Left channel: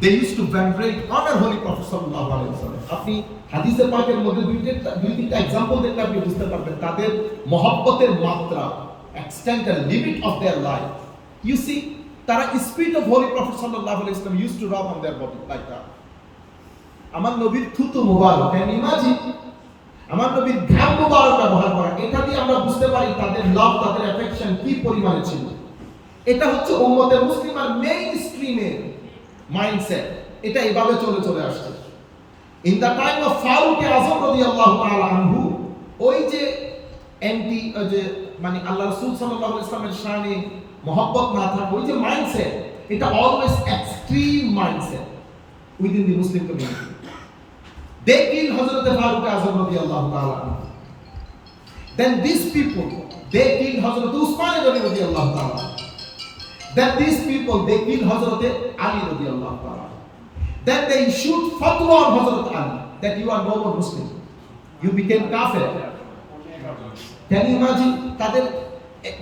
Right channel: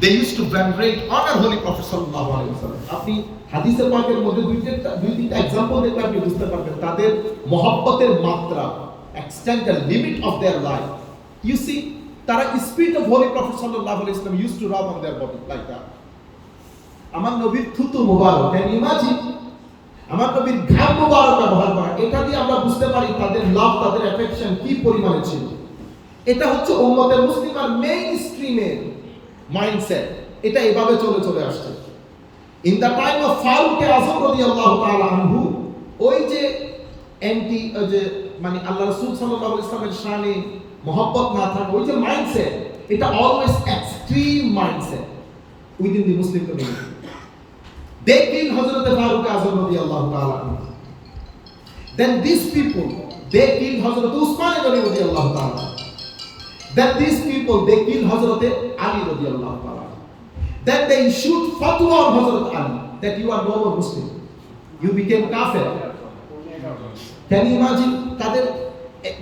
They used to venerate, honor Holy Prophet sallallahu alaihi wasallam. আপনি হাদিসে পাকের মধ্যে দুই তিনটা एग्जांपल দেখলে আপনি বুঝতে পারবেন তাদের মহব্বতের মাত্রা, extent and limit of their life. You see, তারা spirit of Holy Prophet sallallahu alaihi wasallam used to rub on their body like that. আমার নবীর থুতু মুবারক, can you imagine? আমার নবীর ঘাম মুবারক ব্যবহার করা, এটা দিয়ে আমরা বুঝতে পারি তাদের লাভ, তাদের অ্যাফেকশন কি পরিমাণে ছিল। এটা হচ্ছে উম্মতের মুসলিমের মেইন স্ট্রিমের মাইন্ডসেট, এটা এভাবে চলে আসছে। In the time of Farooq Azam রাদিয়াল্লাহু তাআলা আনহু, ওই যে যে মানে আল্লাহ রাসূল সাল্লাল্লাহু আলাইহি ওয়াসাল্লামের শানে মহব্বত না থাকা, ওই যে মাইন্ডসেট, এটা always extreme mindset within the Muslim community. They killed Hazrat Farooq Azam radiyallahu ta'ala anhu. Then these people, they killed Hazrat Usman radiyallahu ta'ala. Then these people, they killed Hazrat Ali radiyallahu ta'ala. Then they issued fatwa on Hazrat Ali that you are no more Muslim. You became kafir. Can you imagine? তাদের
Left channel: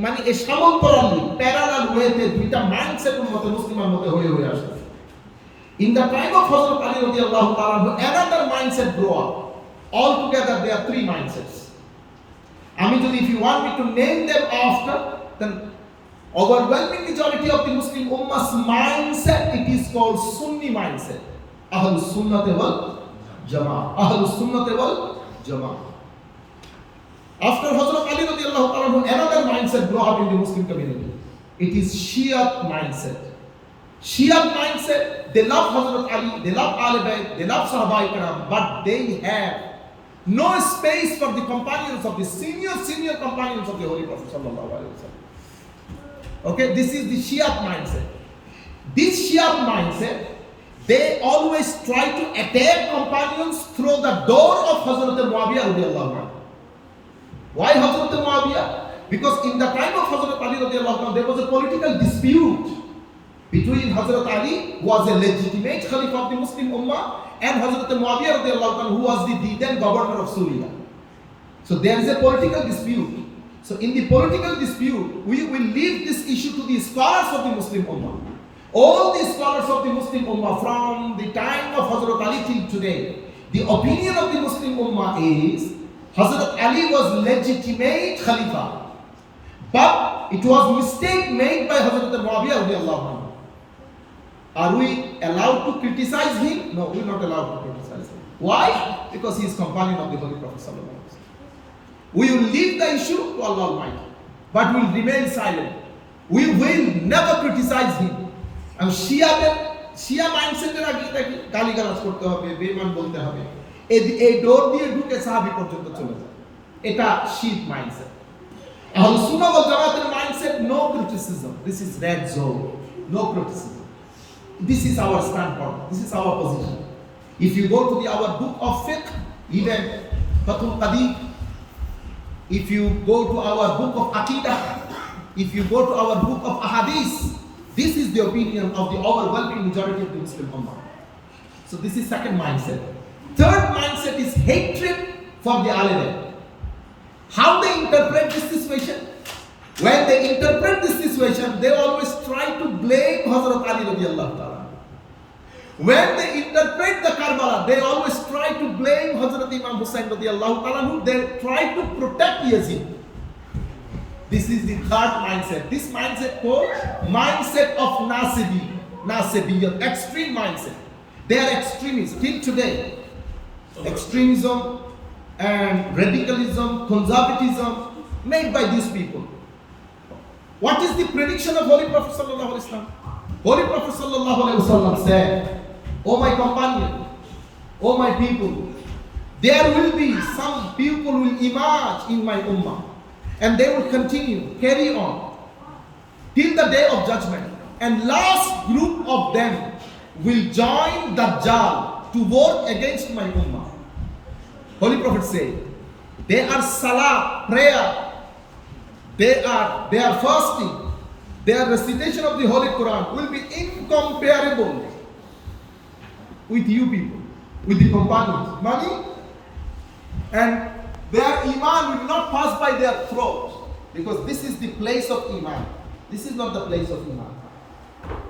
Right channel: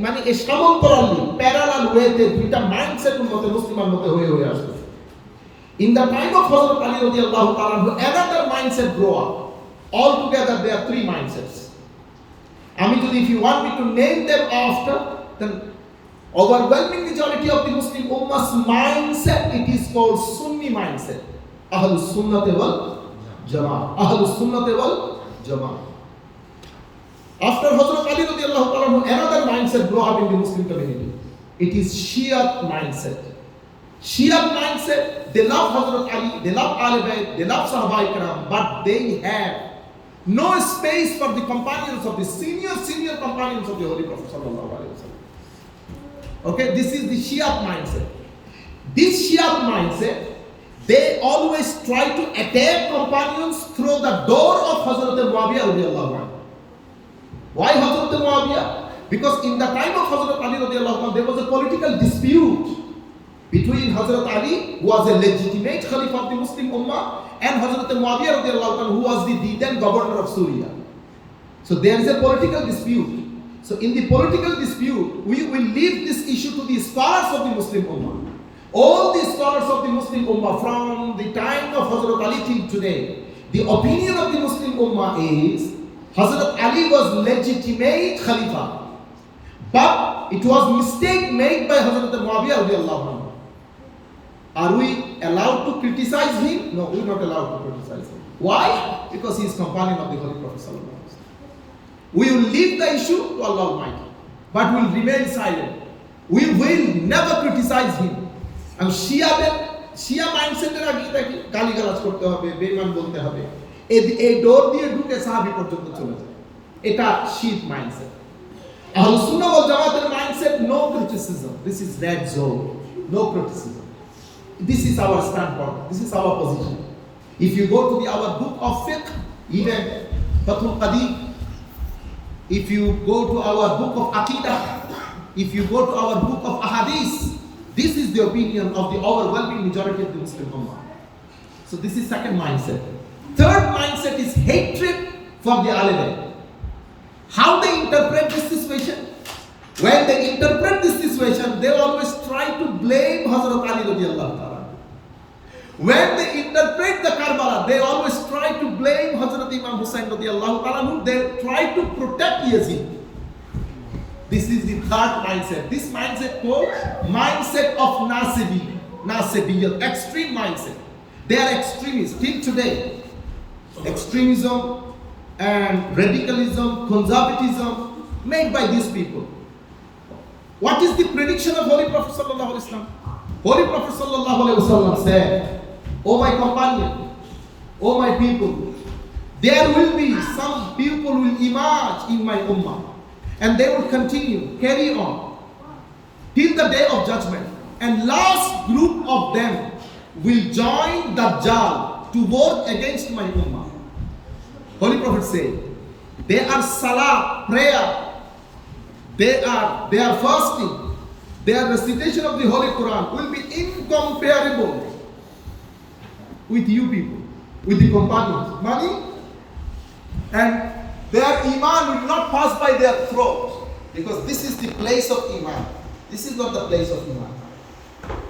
মানে এই সমান্তরালি parallel ওয়েতে দুইটা mindset উম্মতের মুসলিমের মধ্যে হয়ে আসছে। In the time of Hazrat Ali radiyallahu ta'ala, another mindset grew up. Altogether, there are three mindsets. If you want me to name them after, then overwhelming majority of the Muslim Ummah's mindset, it is called Sunni mindset. Ahlus Sunnah wal Jama'ah. Ahlus Sunnah wal Jama'ah. After Hazrat Ali radiyallahu ta'ala, another mindset grew up in the Muslim community. It is Shia mindset. Shia mindset, they love Hazrat Ali, they love Ahl Bayt, they love Sahaba Ikram, but they have no space for the companions of the senior companions of the Holy Prophet sallallahu alaihi wasallam. Okay, this is the Shia mindset. This Shia mindset, they always try to attack companions through the door of Hazrat Muawiyah radiyallahu anhu. Why Hazrat Muawiyah? Because in the time of Hazrat Ali radiyallahu anhu, there was a political dispute between Hazrat Ali, who was a legitimate Khalifa of the Muslim Ummah, and Hazrat Muawiyah radiyallahu anhu, who was the then governor of Syria. So there is a political dispute. So in the political dispute, we will leave this issue to the scholars of the Muslim Ummah. All the scholars of the Muslim Ummah from the time of Hazrat Ali till today, the opinion of the Muslim Ummah is Hazrat Ali was legitimate Khalifa, but it was mistake made by Hazrat Muawiyah radiyallahu anhu. Are we allowed to criticize him? No, we are not allowed to criticize him. Why? Because he is companion of the Holy Prophet sallallahu alaihi wasallam. We will leave the issue to Allah Almighty, but we will remain silent. We will never criticize him. And Shia mindset এর আগে কি গালিগালাজ করতে হবে, বেঈমান বলতে হবে, এই ডোর দিয়ে ঢুকে সাহাবী পর্যন্ত চলে যায়, এটা শিয়া মাইন্ডসেট। আহলুস সুন্নাহ ওয়াল জামাতের mindset, no criticism, this is red zone, no criticism. This is our standpoint. This is our position. If you go to our book of fiqh, even Fathul Qadir, if you go to our book of Aqidah, if you go to our book of Ahadith, this is the opinion of the overwhelming majority of the Muslim Ummah. So this is second mindset. Third mindset is hatred for the Ahl Bayt. How they interpret this situation? When they interpret this situation, they always try to blame Hazrat Ali radiyallahu ta'ala. When they interpret the Karbala, they always try to blame Hazrat Imam Hussain radiyallahu ta'ala. They try to protect Yazid. This is the third mindset. This mindset called mindset of Nasibiyyah, extreme mindset. They are extremists till today. Extremism and radicalism, conservatism made by these people. What is the prediction of Holy Prophet sallallahu alaihi wasallam? Holy Prophet sallallahu alaihi wasallam said, "O my companion, O my people, there will be some people will emerge in my ummah, and they will continue, carry on till the day of judgment. And last group of them will join Dajjal to work against my ummah." Holy Prophet said, they are salah, prayer, they are fasting, their recitation of the Holy Quran will be incomparable with you people, with the companions. Money and their iman will not pass by their throat, because this is the place of iman. This is not the place of iman.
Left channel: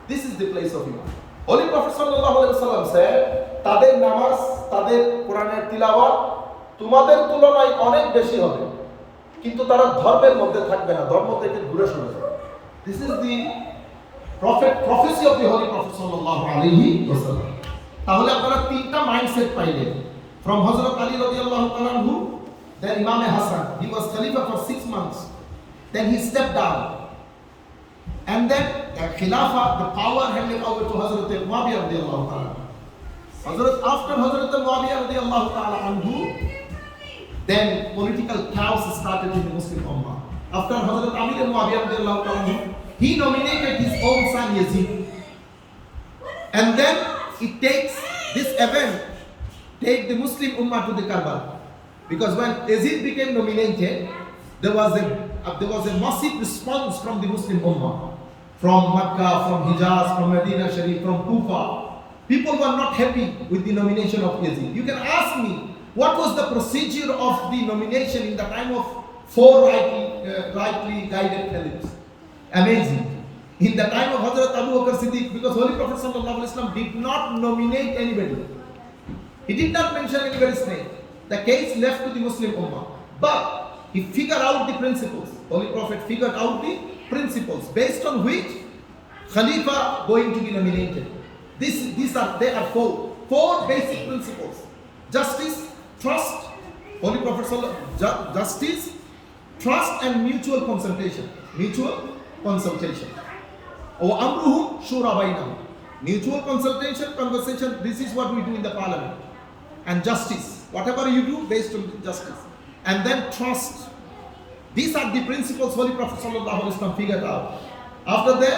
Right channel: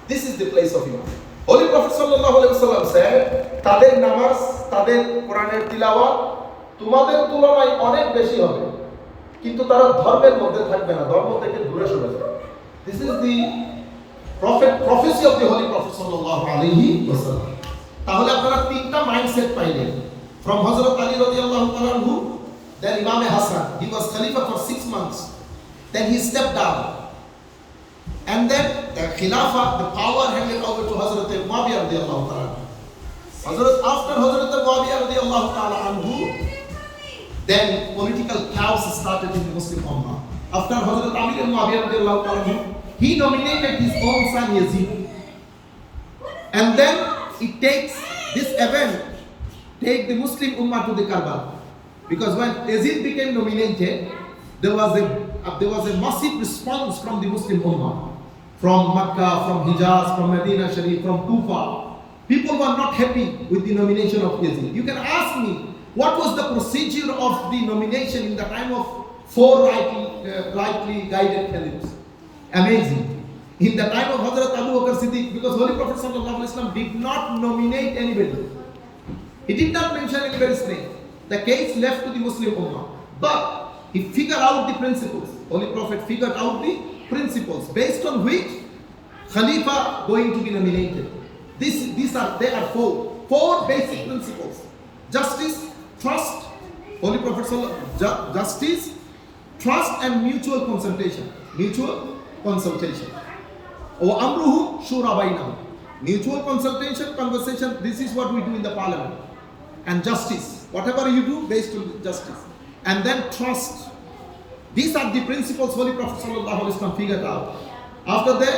This is the place of iman. Holy Prophet sallallahu alaihi wasallam said, তাদের নামাজ, তাদের কোরআনের তিলাওয়াত তোমাদের তুলনায় অনেক বেশি হবে, কিন্তু তারা ধর্মের মধ্যে থাকবে না, ধর্ম থেকে দূরে সরে যাবে। This is the prophecy of the Holy Prophet sallallahu alaihi wasallam. তাহলে আপনারা তিনটা মাইন্ডসেট পাইলেন। From Hazrat Ali radiyallahu anhu, then Imam Hassan, he was Khalifa for 6 months. Then he stepped down. And then the Khilafah, the power handed over to Hazrat Muawiyah radiyallahu anhu. After Hazrat Muawiyah radiyallahu anhu, then political chaos started in the Muslim Ummah. After Hazrat Ali Muawiyah radiyallahu anhu, he nominated his own son Yazid. And then it takes this event, take the Muslim Ummah to the Karbala. Because when Yazid became nominated, there was a massive response from the Muslim Ummah. From Makkah, from Hijaz, from Medina Sharif, from Kufa. People were not happy with the nomination of Yazid. You can ask me, what was the procedure of the nomination in the time of 4 rightly guided caliphs? Amazing. In the time of Hazrat Abu Bakr Siddiq, because Holy Prophet sallallahu alaihi wasallam did not nominate anybody. He did not mention anybody's name. The case left to the Muslim Ummah. But he figured out the principles. Holy Prophet figured out the principles based on which Khalifa going to be nominated. They are four basic principles: justice, trust, Holy Prophet justice, trust, and mutual consultation. Mutual consultation. Or amruhum shura bainahum. Mutual consultation, conversation. This is what we do in the parliament. And justice, whatever you do, based on justice. And then trust. These are the principles Holy Prophet sallallahu alaihi wasallam figured out. After that,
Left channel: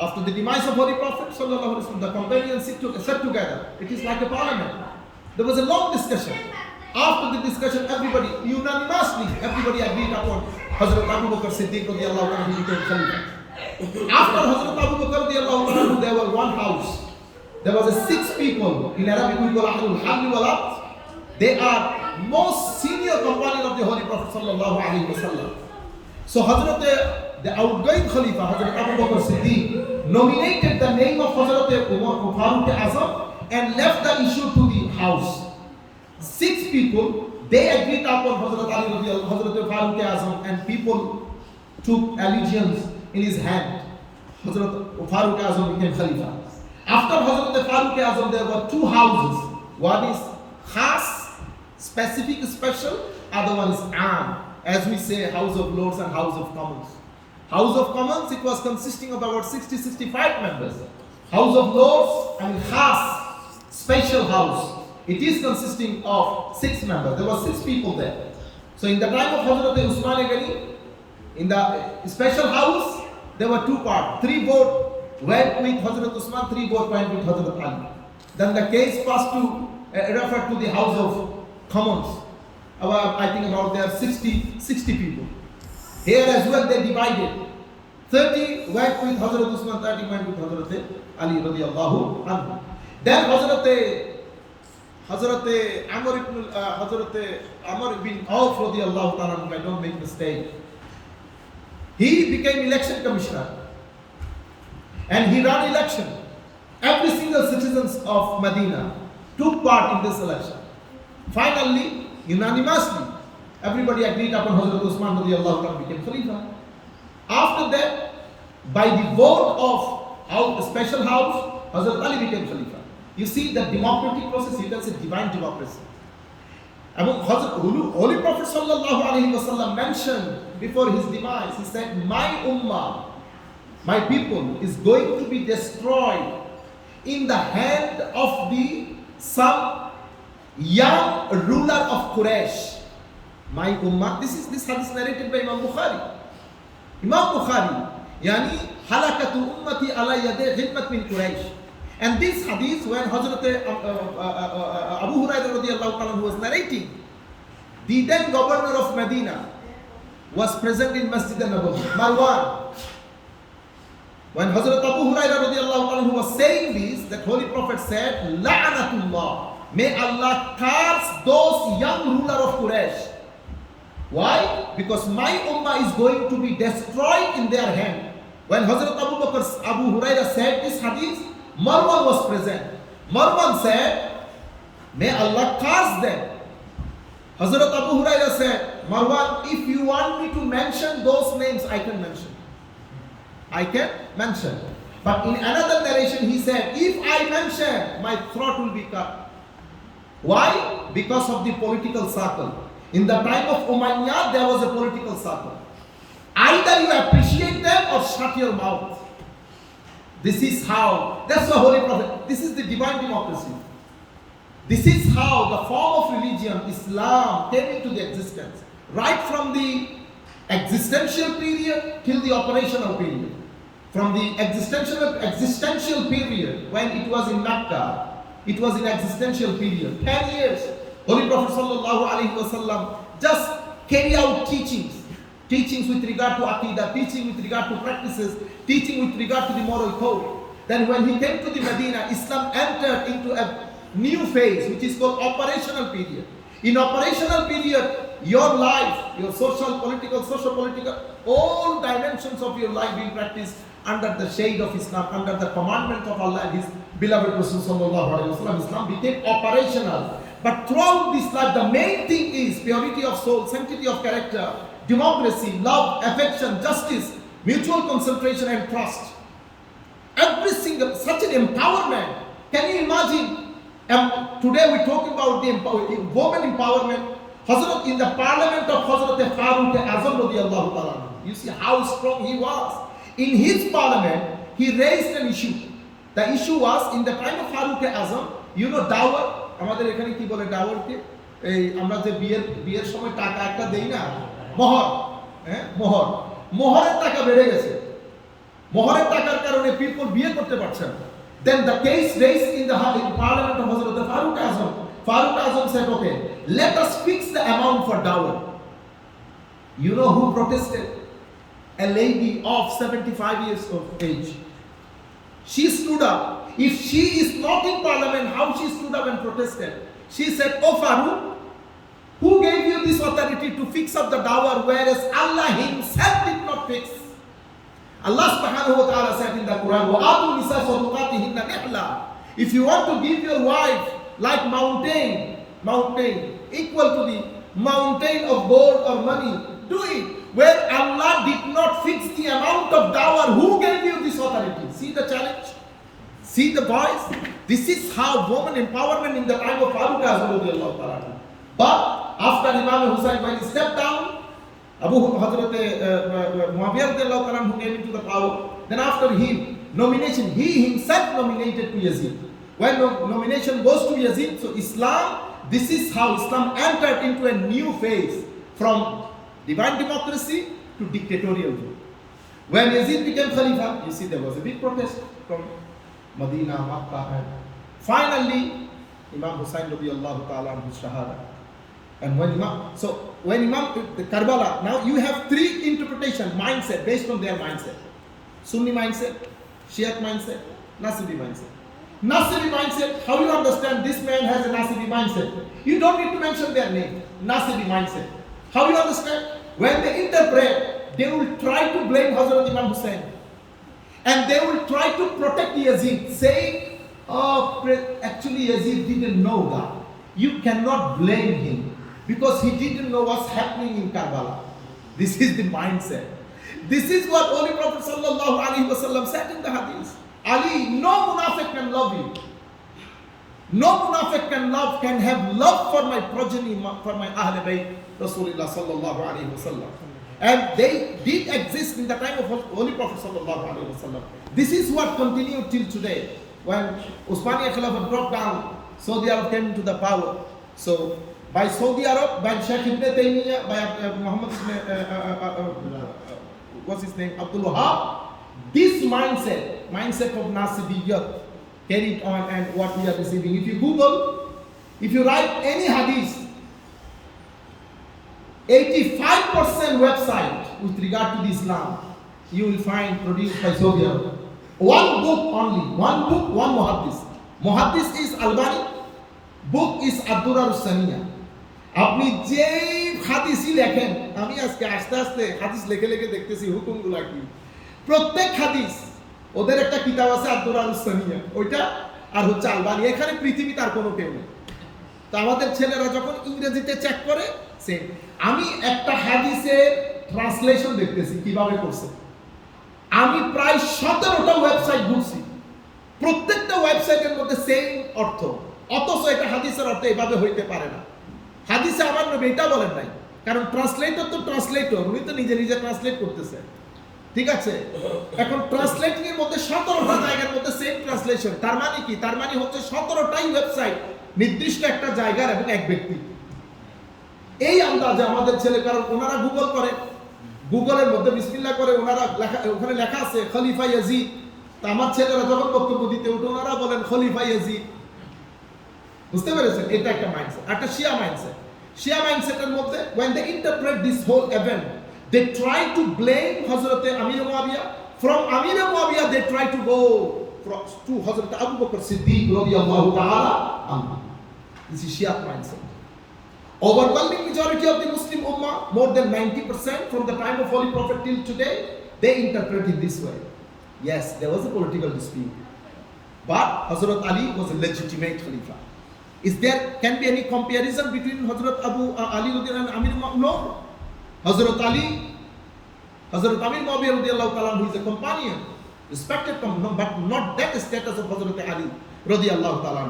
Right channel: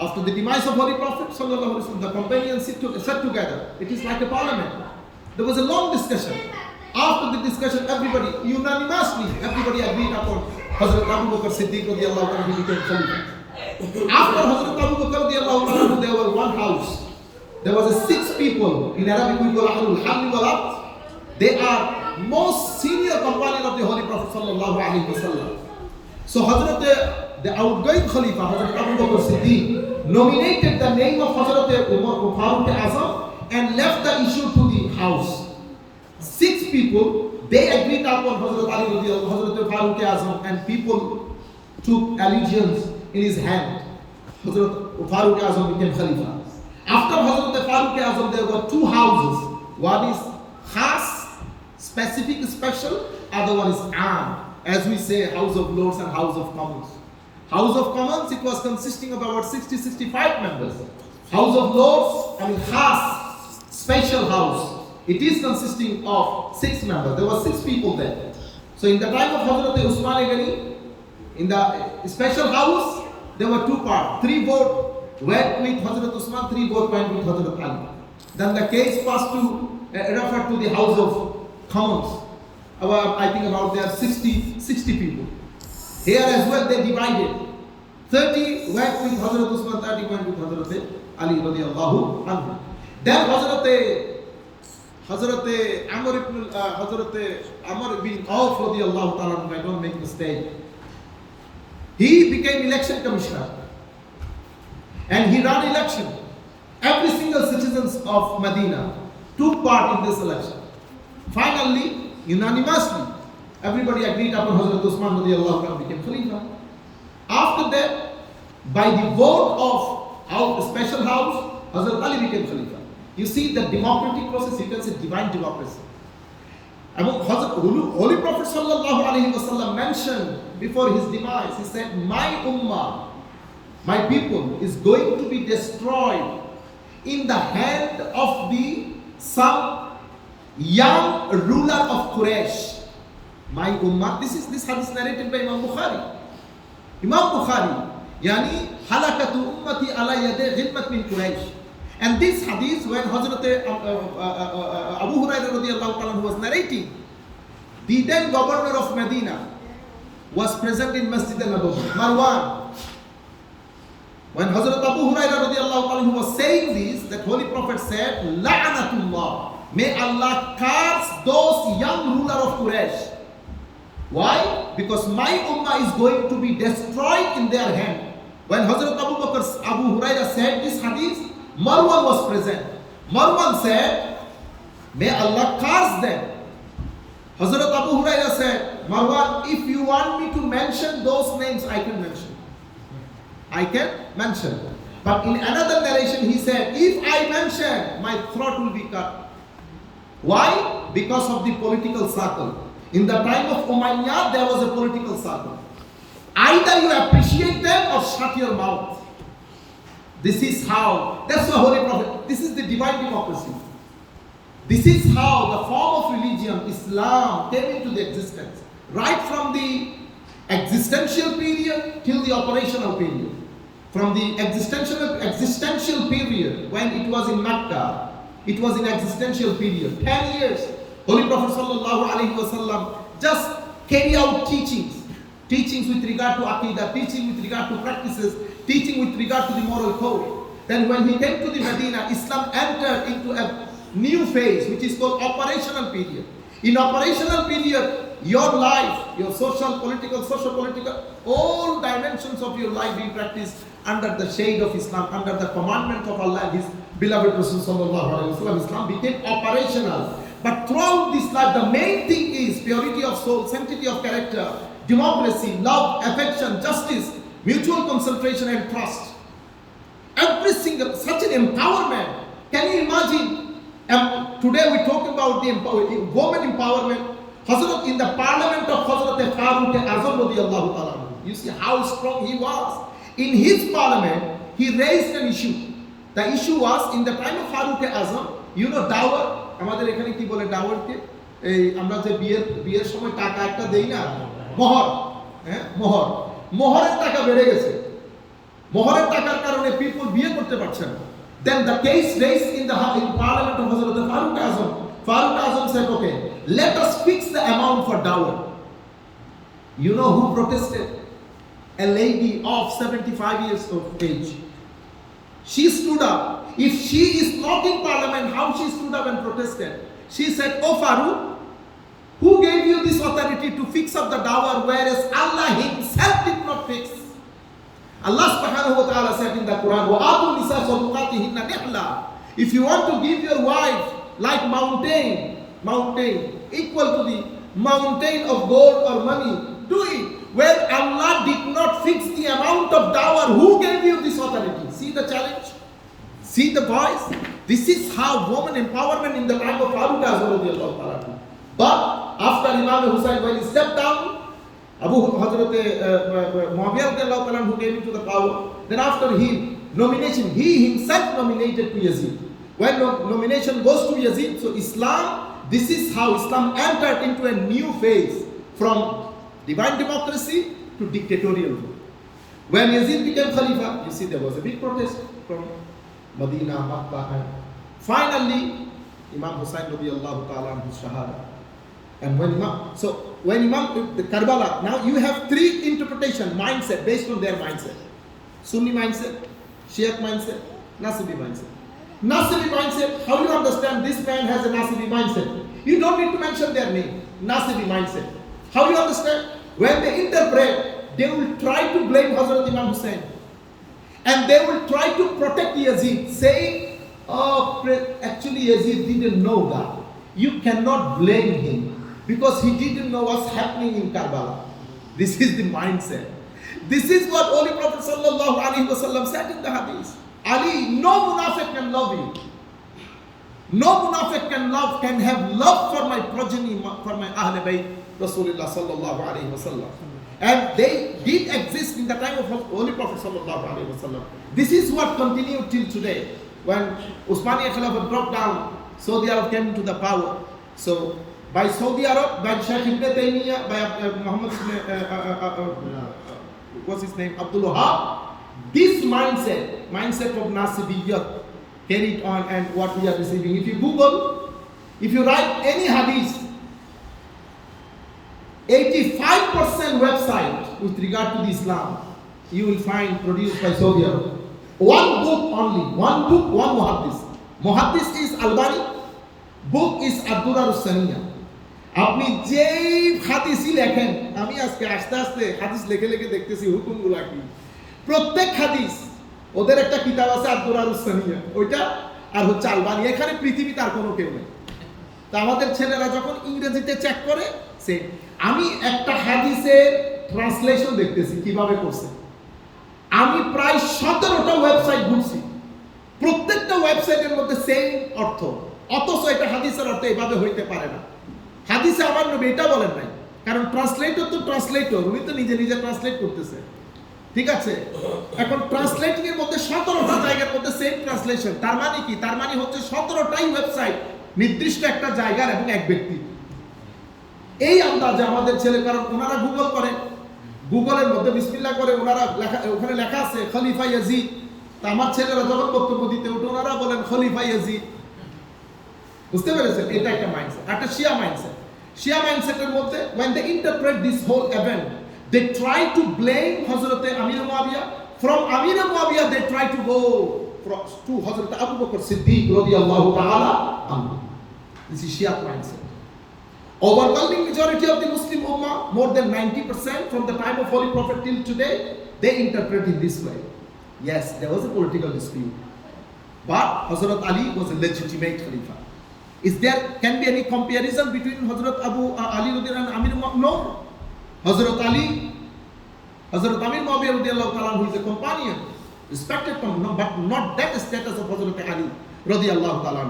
after the demise of Holy Prophet sallallahu alaihi wasallam, the companions sat together. It is like a parliament. There was a long discussion. After the discussion, everybody unanimously agreed upon Hazrat Abu Bakr Siddiq radiyallahu anhu became Khalifa. After Hazrat Abu Bakr radiyallahu anhu, there was one house. There was 6 people. In Arabic we call Ahlul Halli wal Aqd. They are most senior companion of the Holy Prophet sallallahu alaihi wasallam. So the outgoing Khalifa, Hazrat Abu Bakr Siddiq, nominated the name of Hazrat Farooq Azam and left the issue to the house. 6 people, they agreed upon Hazrat Ali radiyallahu anhu, Hazrat Farooq Azam, and people took allegiance in his hand. Hazrat Farooq Azam became Khalifa. After Hazrat Farooq Azam, there were 2 houses. One is khas, specific, special. Other one is am, as we say, House of Lords and House of Commons. House of Commons, it was consisting of about 60-65 members. House of Lords, khas, special house, it is consisting of 6 members. There were 6 people there. So in the time of Hazrat Usman Ghani, in the special house, there were 2 parts. 3 votes went with Hazrat Usman, 3 votes went with Hazrat Ali. Then the case passed to, referred to the House of Commons. I think about there are 60 people. Here as well they divided. 30 went with Hazrat Usman, 30 went with Hazrat Ali radiyallahu anhu. Then Hazrat Amr bin Auf radiyallahu ta'ala, if I don't make mistake, he became election commissioner. And he ran election. Every single citizens of Medina took part in this election. Finally, unanimously, everybody agreed upon Hazrat Usman radiyallahu anhu became Khalifa. After that, by the vote of the special house, Hazrat Ali became Khalifa. You see the democratic process, you can say divine democracy. Holy Prophet sallallahu alaihi wasallam mentioned before his demise, he said, my ummah, my people is going to be destroyed in the hand of some young ruler of Quraysh. My ummah, this hadith narrated by Imam Bukhari. Imam Bukhari, yani halakatu ummati ala yadi ghilmat min Quraysh. And this hadith, when Hazrat Abu Hurairah radiyallahu anhu was narrating, the then governor of Medina was present in Masjid al-Nabawi, Marwan. When Hazrat Abu Hurairah radiyallahu anhu was saying this, that Holy Prophet said, La'anatullah, may Allah curse those young ruler of Quraysh. Why? Because my ummah is going to be destroyed in their hand. When Hazrat Abu Hurairah said this hadith, Marwan was present. Marwan said, may Allah curse them. Hazrat Abu Hurairah said, Marwan, if you want me to mention those names, I can mention. I can mention. But in another narration, he said, if I mention, my throat will be cut. Why? Because of the political circle. In the time of Umayyad, there was a political circle. Either you appreciate them or shut your mouth. This is how, that's the Holy Prophet, this is the divine democracy. This is how the form of religion, Islam, came into the existence. Right from the existential period till the operational period. From the existential period, when it was in Mecca, it was in existential period. 10 years, Holy Prophet sallallahu alaihi wasallam just carry out teachings with regard to Aqidah, teaching with regard to practices, teaching with regard to the moral code. Then when he came to the Medina, Islam entered into a new phase, which is called operational period. In operational period, your life, your social, political, all dimensions of your life being practiced under the shade of Islam, under the commandment of Allah and His beloved Rasul sallallahu alaihi wasallam. Islam became operational. But throughout this life, the main thing is purity of soul, sanctity of character, democracy, love, affection, justice, mutual concentration and trust. Every single, such an empowerment. Can you imagine? Today we talk about the women empowerment. Hazrat, in the parliament of Hazrat Farooq Azam radiyallahu ta'ala, you see how strong he was. In his parliament, he raised an issue. The issue was, in the time of Farooq Azam, you know dawar, আমাদের এখানে কি বলে দাওয়ারকে এই আমরা যে বিয়ের সময় টাকা একটা দেই না মোহর মোহরের টাকা বেড়ে গেছে মোহরের টাকার কারণে পিপল বিয়ে করতে পারছে না then the case raised in parliament of Hazrat Farooq Azam said, okay, let us fix the amount for dowry. You know who protested? A lady of 75 years of age. She stood up. If she is not in parliament, how she stood up and protested? She said, oh Farooq, who gave you this authority to fix up the dawar, whereas Allah Himself did not fix? Allah subhanahu wa ta'ala said in the Quran, وَآتُوا نِسَاءَ صَدُقَاتِهِنَّ نِحْلًا. If you want to give your wife like mountain, equal to the mountain of gold or money, do it. Where Allah did not fix the amount of dawar, who gave you this authority? See the challenge? See the voice? This is how woman empowerment in the time of Farooq Azam. But after Imam Hussain, when he stepped down, Hazrat Muawiyah who came into the power, then after him, nomination, he himself nominated to Yazid. When nomination goes to Yazid, so Islam, this is how Islam entered into a new phase from divine democracy to dictatorial rule. When Yazid became Khalifa, you see there was a big protest from Medina, Makkah, and finally Imam Hussain radiyallahu ta'ala and his shahada. And when Imam the Karbala, now you have three interpretation mindset based on their mindset. Sunni mindset, Shiite mindset, Nasibi mindset. Nasibi mindset, how you understand this man has a Nasibi mindset? You don't need to mention their name. Nasibi mindset. How you understand? When they interpret, they will try to blame Hazrat Imam Hussain. And they will try to protect Yazid, saying, oh, actually Yazid didn't know that. You cannot blame him because he didn't know what's happening in Karbala. This is the mindset. This is what Holy Prophet sallallahu alaihi wasallam said in the hadith. Ali, no munafiq can love you. No munafiq can have love for my progeny, for my Ahl Bayt, Rasulullah sallallahu alaihi wasallam. And they did exist in the time of Holy Prophet sallallahu alaihi wasallam. This is what continued till today. When Usmaniya Khilafat dropped down, Saudi Arab came into the power. So by Saudi Arab, by Shaykh Ibn Taymiyyah, by Muhammad, what's his name, Abdul Wahab, this mindset of Nasibiyyat carried on, and what we are receiving. If you Google, if you write any hadith, 85% website with regard to the Islam, you will find produced by Saudi Arabia. One book only, one muhaddis. Muhaddis is Albani, book is Ad-Durar As-Saniyah. আপনি যেই হাদিসই লেখেন, আমি আজকে আস্তে আস্তে হাদিস লেখে দেখতেছি হুকুমগুলা কি। প্রত্যেক হাদিস ওদের একটা কিতাব আছে আদ-দুরার উস-সানিয়া, ওইটা আর হচ্ছে আলবানি, এখানে পৃথিবীতে আর কোনো কেউ নেই। তা আমাদের ছেলেরা যখন ইংরেজিতে চেক করে, সে আমি একটা হাদিসের ট্রান্সলেশন দেখতেছি কিভাবে করছে, আমি প্রায় 17টা ওয়েবসাইট ঘুরছি, প্রত্যেকটা ওয়েবসাইটের মধ্যে সেম অর্থ, অথচ এটা হাদিসের অর্থ এভাবে হইতে পারে না। হাদিসে আমার নবী এটা বলেন নাই, কারণ ট্রান্সলেটর তো ট্রান্সলেটর, উনি তো নিজে নিজে ট্রান্সলেট করতেছে, ঠিক আছে। এখন ট্রান্সলেটিং এর মধ্যে 17টা জায়গার মধ্যে সেম ট্রান্সলেশন, তার মানে কি? তার মানে হচ্ছে 17টাই ওয়েবসাইট নির্দিষ্ট একটা জায়গার এবং এক ব্যক্তি। এই আন্দাজে আমাদের ছেলে, কারণ ওনারা গুগল করে, গুগলের মধ্যে বিসমিল্লাহ করে, ওনারা লেখা, ওখানে লেখা আছে খলিফা ইয়াজিদ। তা আমার ছেলেরা যখন বক্তব্য দিতে উঠে ওনারা বলেন খলিফা ইয়াজিদ। বুঝতে পেরেছেন? এটা একটা মাইন্ডসেট, একটা শিয়া মাইন্ডসেট। শিয়া মাইন্ডসেটের মধ্যে when they interpret this whole event, they try to blame Hazrat Amir Muawiyah. From Amir Muawiyah they try to go to Hazrat Abu Bakr Siddiq radiyallahu ta'ala anhu. This is Shia mindset. Overwhelming majority of the Muslim Ummah, more than 90% from the time of Holy Prophet till today, they interpret it this way. Yes, there was a political dispute, but Hazrat Ali was a legitimate Khalifa. Is there can be any comparison between Hazrat Abu Ali and Amir Muawiyah? No. Hazrat Ali, Hazrat Amir Muawiyah radiyallahu ta'ala, who is a companion, respected companion, but not that status of Hazrat Ali radiyallahu ta'ala.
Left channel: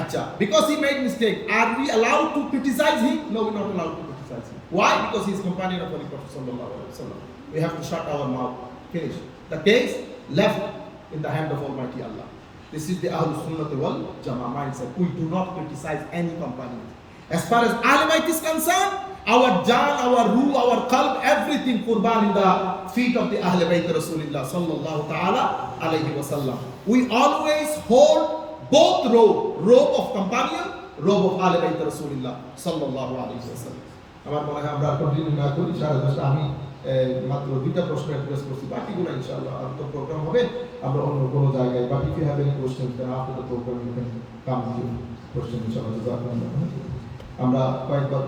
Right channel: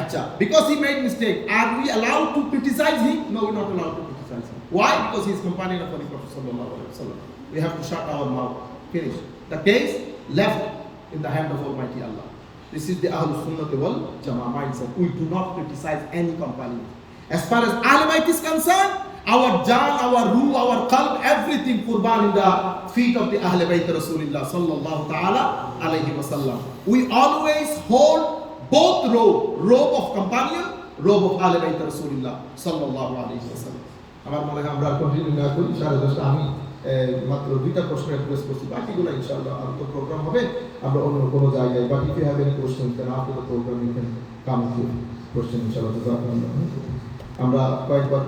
Acha, because he made mistake, are we allowed to criticize him? No, we're not allowed to criticize him. Why? Because he is companion of Holy Prophet sallallahu alaihi wasallam. We have to shut our mouth. Finish. The case left in the hand of Almighty Allah. This is the Ahlul Sunnah wal Jama'ah mindset. We do not criticize any companion. As far as Ahlul Bayt is concerned, our jaan, our ruh, our qalb, everything qurban in the feet of the Ahlul Bayt Rasulullah sallallahu ta'ala alayhi wa sallam. We always hold both robe of companion, robe of Ahlul Bayt Rasulullah sallallahu alayhi wa sallam. আমার মনে হয় আমরা continue না করি, 10:30 আমি মাত্র 2টা প্রশ্ন অ্যাড্রেস করছি, বাকিগুলো ইনশাআল্লাহ আরেকটা প্রোগ্রাম হবে আমরা অন্য কোনো জায়গায়, but if you have any question then after the program you can come to question ইনশাআল্লাহ। আমরা কয়েকবার